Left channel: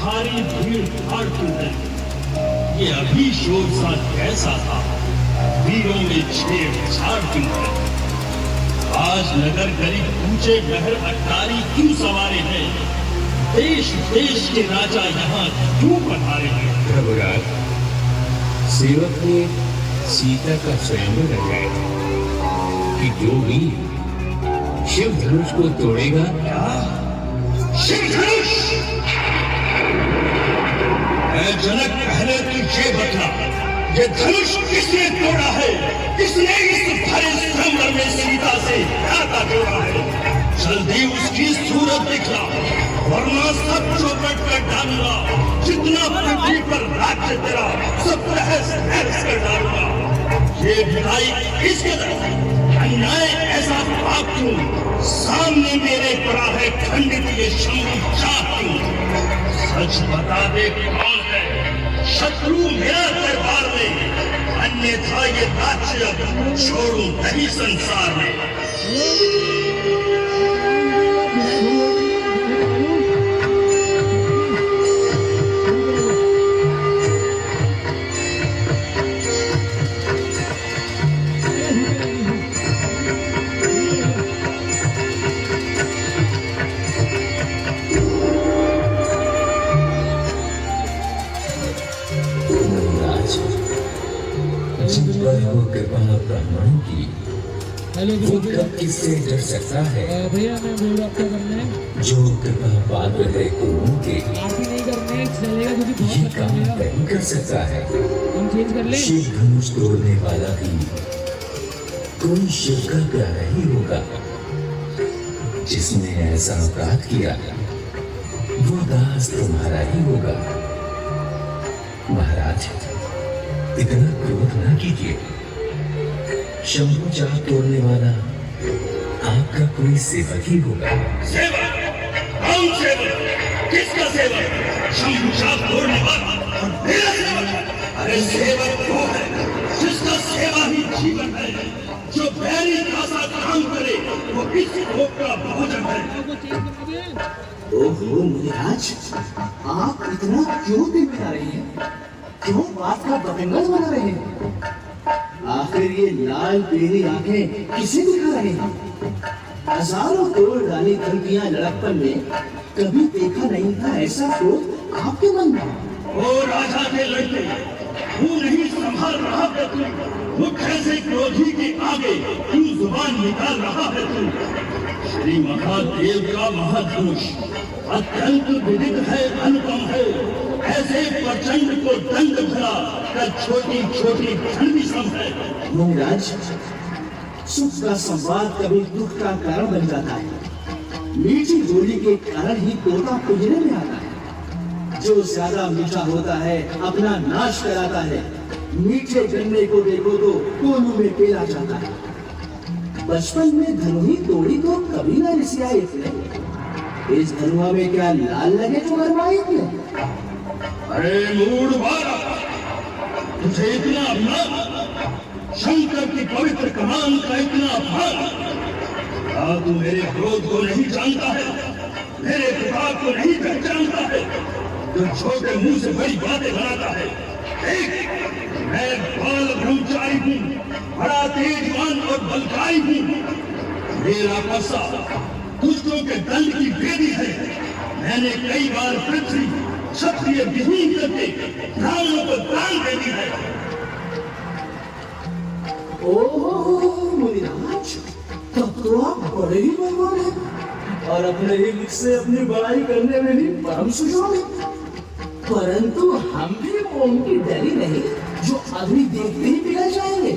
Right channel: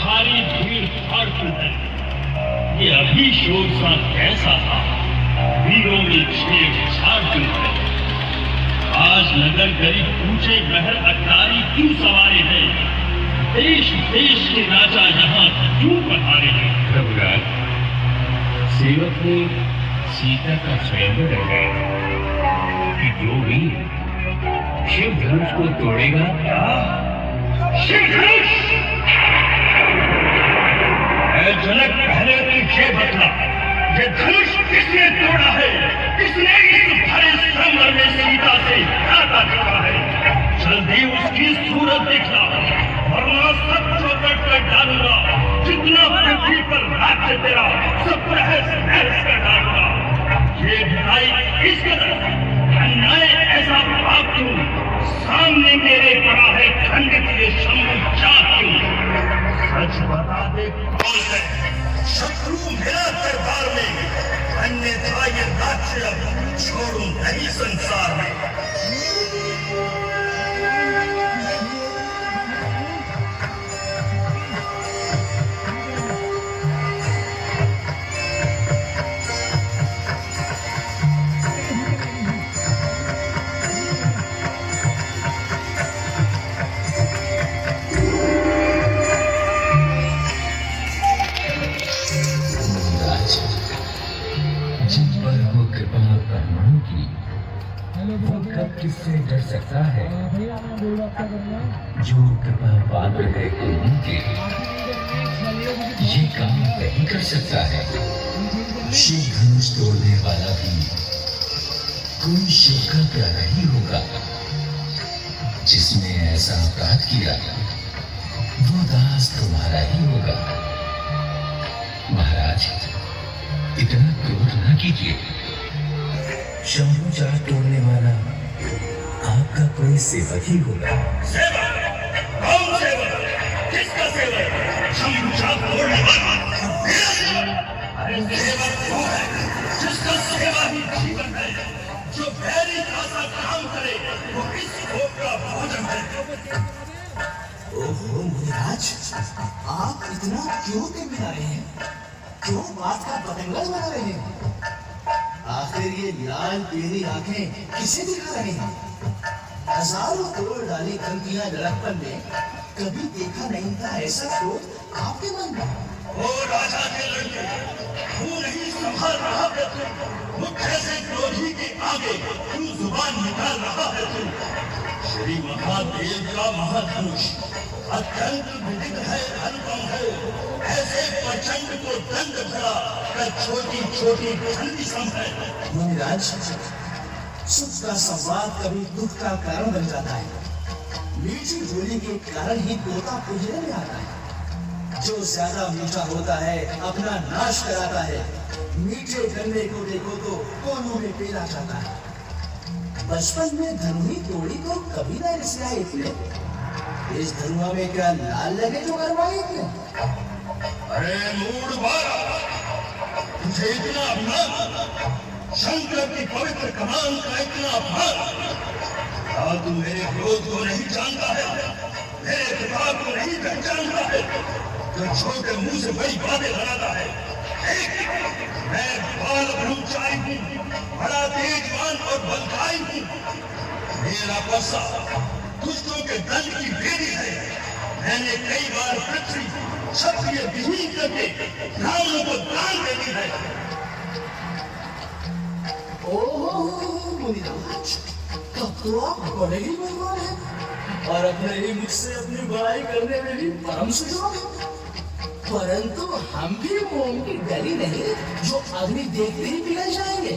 भारी भीड़ भाड़ क्यों है? ये अभी शोर सा कैसा था? वीरों में छेड़छाड़ क्यों है? आज नगर गरीब ऊंचे महल अटारी क्यों सवारे हैं? देश देश के राजा यहाँ क्यों पधारे हैं? प्रभुराज, सेवक ने सीता का स्वयंवर रखा कि जो भी शिव धनुष को तोड़ेगा। शिव धनुष! जनक, पहले तो ये बता, ये धनुष किसने तोड़ा है? किसने इस भरे संगम में सीता से नाता जोड़ा है? जल्दी उसकी सूरत दिखला, वरना सब चौपट कर डालूंगा। जितना पृथ्वी पर राज्य तेरा, सब तहस नहस कर डालूंगा। ये विदाई किस कदर? अन्याय ऐसा पाप क्यों? सामने मेरे पड़ा है खंडित ये शंभु चाप क्यों? सच बता दे कौन है शत्रु मेरा दरबार में, अन्यथा ये राज्य छोड़ूं नहीं संसार में। ब्राह्मणों की वो कब किससे डर सकता है? जो कृपा पात्र है उनके ये काम नहीं कर सकता है। शिव धनुष तोड़ने वाला भी कोई शिव का प्यारा ही होगा। जिसने ऐसा अपराध किया वो दास तुम्हारा ही होगा। महाराज, इतना क्रोध न कीजिए। शंभु चाप तोड़ने वाला आपका कोई सेवक ही होगा। सेवक? कौन सेवक? किसका सेवक? शंभु चाप तोड़ने वाला और मेरा सेवक? अरे सेवक वो है जिसका सेवा ही जीवन है, जो बैरी खासा काम करे वो इस भोग का भोजन है। ओहो महाराज, आप इतना क्यों बिगड़ा रहे हैं? क्यों बात का बतंगड़ बना रहे हैं? आखिर ये लाल पीली आंखें किसे दिखा रहे हैं? हजारों करोड़ डाली धमकियां लड़कपन में कभी देखा नहीं था ऐसा क्रोध आपके मन में। ओ राजा के लड़के, तू नहीं संभाल रहा है तू? मुझ जैसे क्रोधी के आगे क्यों जुबान निकाल रहा है तू? श्री महादेव का महाधनुष अत्यंत विदित है, अनुपम है। ऐसे प्रचंड को दंड भरा कर छोटी छोटी ठंडी समझे। महाराज, सुख का संवाद कभी दुख का कारण बन जाता है। मीठी बोली के कारण ही तोता पिंजरे में आता है। जो ज्यादा मीठा होता है अपना नाश कराता है। मीठे गन्ने को देखो तो कोनों में पेला जाता है। बचपन में धनुही तोड़ी तो कभी ना रिसियाए थे। इस धनुआ में क्या लाल लगे जो मरवाएंगे? अरे मूढ़ बालक, तुझे इतना अभिमान? शंकर की पवित्र कमान का इतना अभिमान? क्या तू मेरे क्रोध को नहीं जानता है? मेरे प्रताप को नहीं पहचानता है? जो छोटे मुंह से बड़ी बातें बनाता है। मैं बाल ब्रह्मचारी हूँ, बड़ा तेजवान और बलशाली हूँ। मेरा परसा दुष्टों के दंड की बेदी है। मैंने कई बार पृथ्वी क्षत्रिय विहीन करके ब्राह्मणों को दान दे दी है। ओह मुनिराज, तब तो आप बड़े ही मेहमान हैं और अपने ही मुझसे अपनी बड़ाई करने में भी परम सुजान हैं। परंतु हम भी मोम की डरी नहीं जो अग्नि देखते ही पिघल जाएंगे,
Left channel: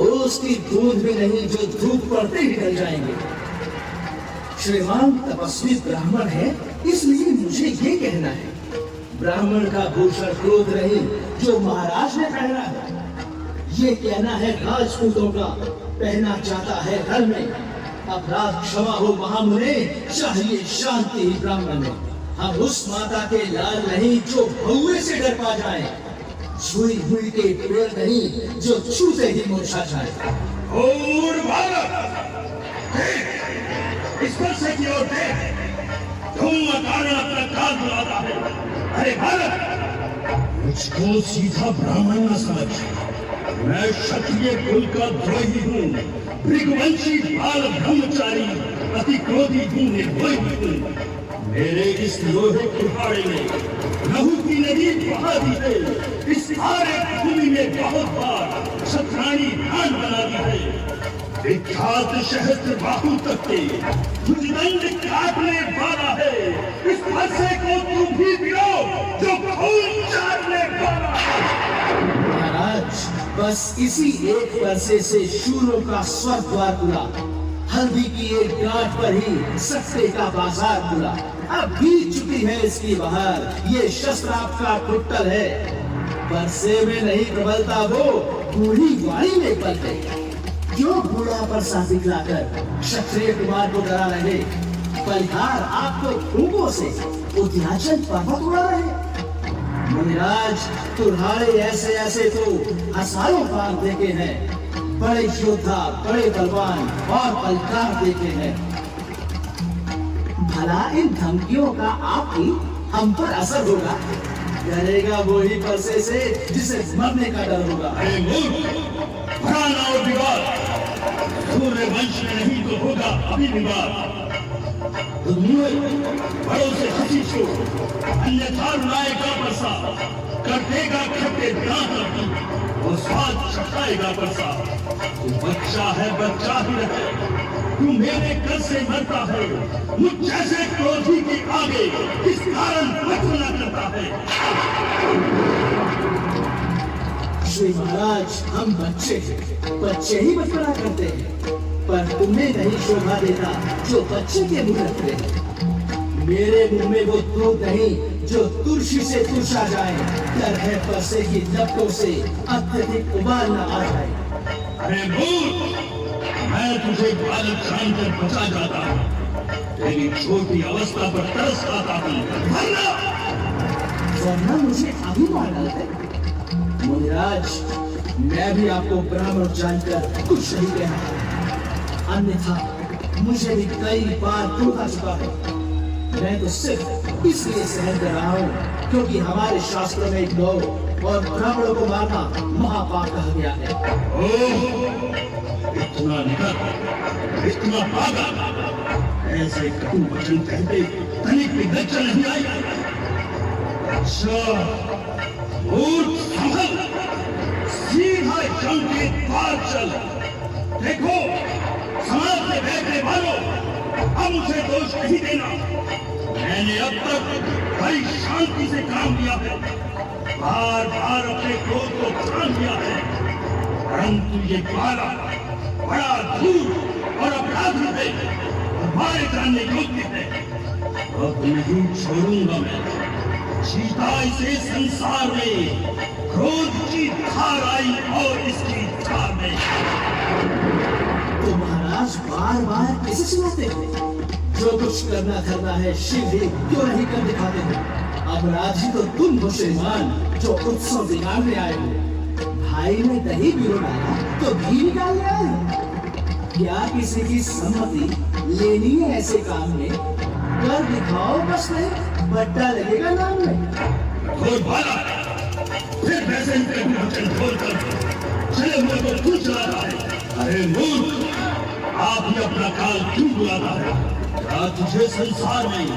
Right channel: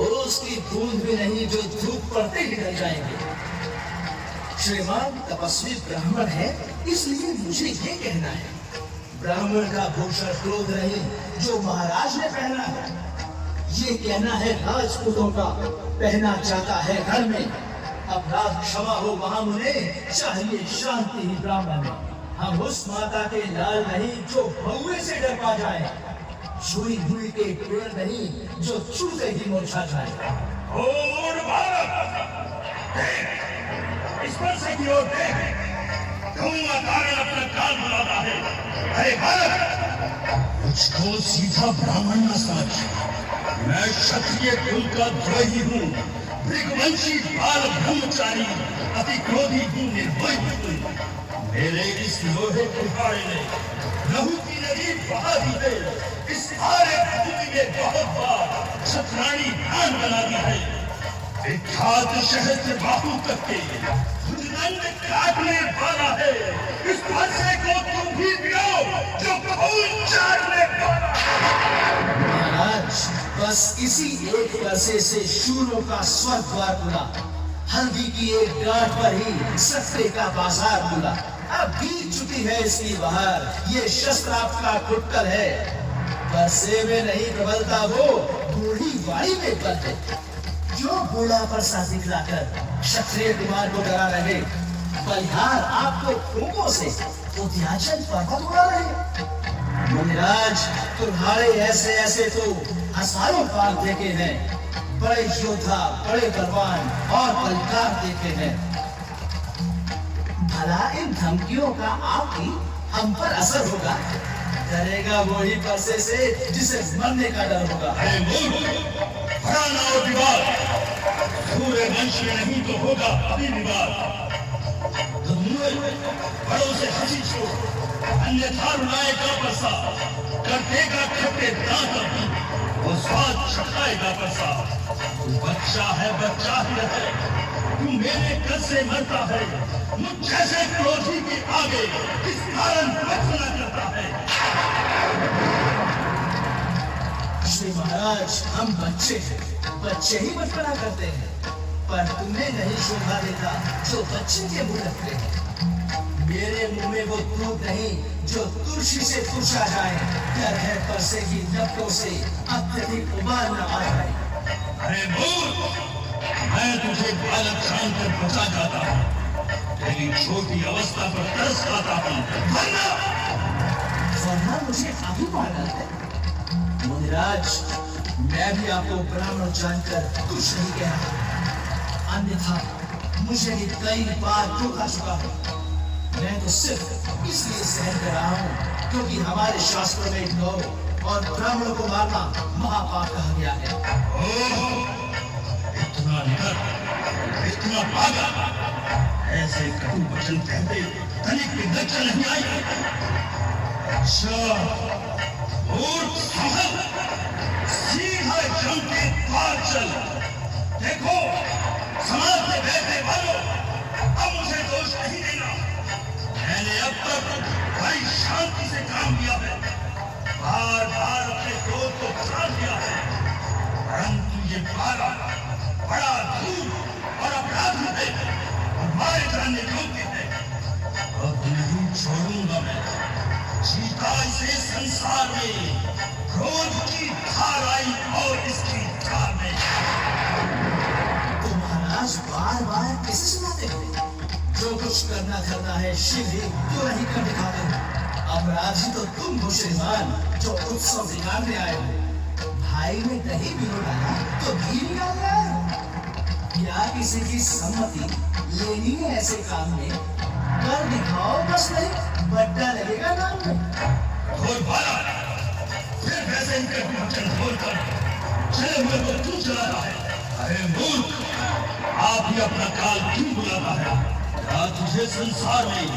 उसकी बूंद भी नहीं जो धूप पड़ते ही डल जाएंगे। श्रीमान तपस्वी ब्राह्मण है, इसलिए मुझे ये कहना है, ब्राह्मण का भूषण क्रोध नहीं जो महाराज ने पहना है। ये कहना है राजपूतों का पहना जाता है घर में। अपराध क्षमा हो महामुने, चाहिए शांति ही ब्राह्मण में। हम उस माता के लाल नहीं जो भौवे से डर पा जाए, छुई हुई के पेड़ नहीं जो छूते ही मूर्छा जाए। इस पर से की ओर दे, क्यों अकारण अपना काल बुलाता है? अरे बालक, मुझको सीधा ब्राह्मण न समझ। मैं क्षत्रिय कुल का द्रोही हूँ, भृगवंशी बाल ब्रह्मचारी, अति क्रोधी हूँ, निर्भय हूँ। मेरे इस लोहे कुहाड़े में लहू की नदी बहा दी है। इस भारत भूमि में बहुत बार क्षत्राणी ध्यान बनाती है। विख्यात सहस्त्र बाहु तक के भुजदंड काटने वाला है। इस हादसे को तुम भी गिराओ जो खून चाटने वाला है। महाराज, बस इसी एक वर्षे से शूरों का स्वर्ग द्वार खुला। हल्दी की एक गांठ पर ही सट्टे का बाजार खुला। अब बीत चुकी है इसकी बहार। ये शस्त्रास्त्र का कुट्टल है। वर्षे में नहीं प्रबलता वो, बूढ़ी वाणी में पलते। जो बूढ़ा परसा दिखलाकर क्षत्रिय कुमार को डरा रहे, बलिहार आपको खूबों से उद्याचल पर्वत उड़ा रहे। मुनिराज, तुम्हारे ऐसे ऐसे तो हजारों काल देखे हैं। बड़े योद्धा, बड़े बलवान और बलकार देखे हैं। भला इन धमकियों का आपकी हम पर असर होगा? डरेगा वो ही परसे से जिसे मरने का डर होगा। घराना और विवाद सूर्य वंश में नहीं तो होगा अभी विवाद। तो बड़ों से हंसी छो, अन्यथा रुलाएगा परसा, कर देगा खट्टे दांत और स्वाद चखाएगा परसा। तू बच्चा है, बच्चा ही रहे, तू मेरे कर से मरता है। मुझ जैसे क्रोधी के आगे किस कारण बचना करता है? श्री महाराज, हम बच्चे हैं, बच्चे ही बचपना करते हैं। पर तुमने नहीं शोभा देखा जो बच्चे के मुंह रखते हैं। मेरे मुंह में वो दूध नहीं जो तुलसी से तुरसा जाए। डर है परसे की लपटों से अत्यधिक उबाल न आ जाए। अरे मूर्ख, मैं तुझे बालक जानकर बचा जाता हूँ। तेरी छोटी अवस्था पर तरस खाता हूँ। वरना मुझे अभी मार डालते। मुनिराज, मैं भी आपको ब्राह्मण जानकर कुछ नहीं कहता, अन्यथा मुझे भी कई बार धोखा चुका है। मैं तो सिर्फ इसलिए सहन कर रहा हूँ क्योंकि हमारे शास्त्रों में गौ और ब्राह्मणों को मारना महापाप कहा गया है। इतना निडर, इतना पागल, ऐसे कटु वचन कहते तनिक भी लज्जा नहीं आई? अच्छा, सीधा जंग के द्वार चल। देखो, समाज में बैठने वालों, अब मुझे दोष नहीं देना। मैंने अब तक बड़ी शांति से काम किया है, बार बार अपने क्रोध को ठान दिया है, परंतु ये बालक बड़ा धूल और अपराधी है और मारे जाने योग्य है। अब नहीं छोड़ूंगा मैं। जीता इसे संसार में, क्रोध की धार आई और इसकी धार में। तो महाराज बार बार किसे सुनाते हो? जो कुछ करना धरना है शिव ही क्यों नहीं कर दिखाते हो? अपराधी तो तुम हो श्रीमान, जो उत्सव बिगाड़ने आए हो। भाई ने दही बिलो डाला तो घी निकालने आए हो। क्या किसी की सम्मति लेनी है ऐसे काम में? कर दिखाओ, बस नहीं बट्टा लगेगा नाम में। और बाला, फिर वैसे ही कभी वचन बोलकर चले हुए को क्यों चलाता है? अरे मूर्ख, आप ही अपना काल क्यों बुलाता है? क्या तुझे संसार में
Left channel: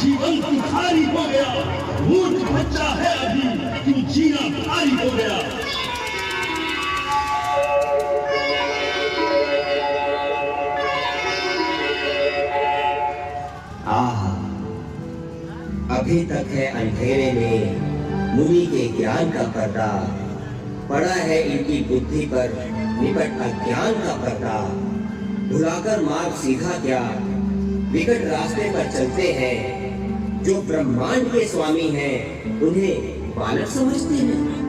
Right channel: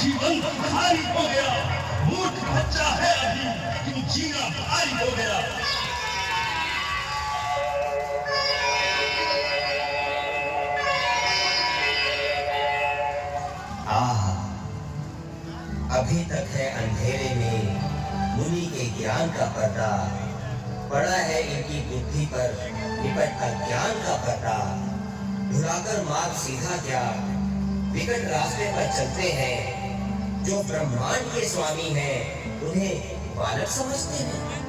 जीवन भिखारी हो गया? मूर्ख बच्चा है अभी, क्यों जीना भारी हो गया? अभी तक है अंधेरे में मुनि के ज्ञान का पर्दा, पड़ा है इनकी बुद्धि पर निकट अज्ञान का पर्दा। भुलाकर मार्ग सीधा क्या, विकट रास्ते पर चलते हैं। जो ब्रह्मांड के स्वामी हैं, उन्हें बालक समझते हैं।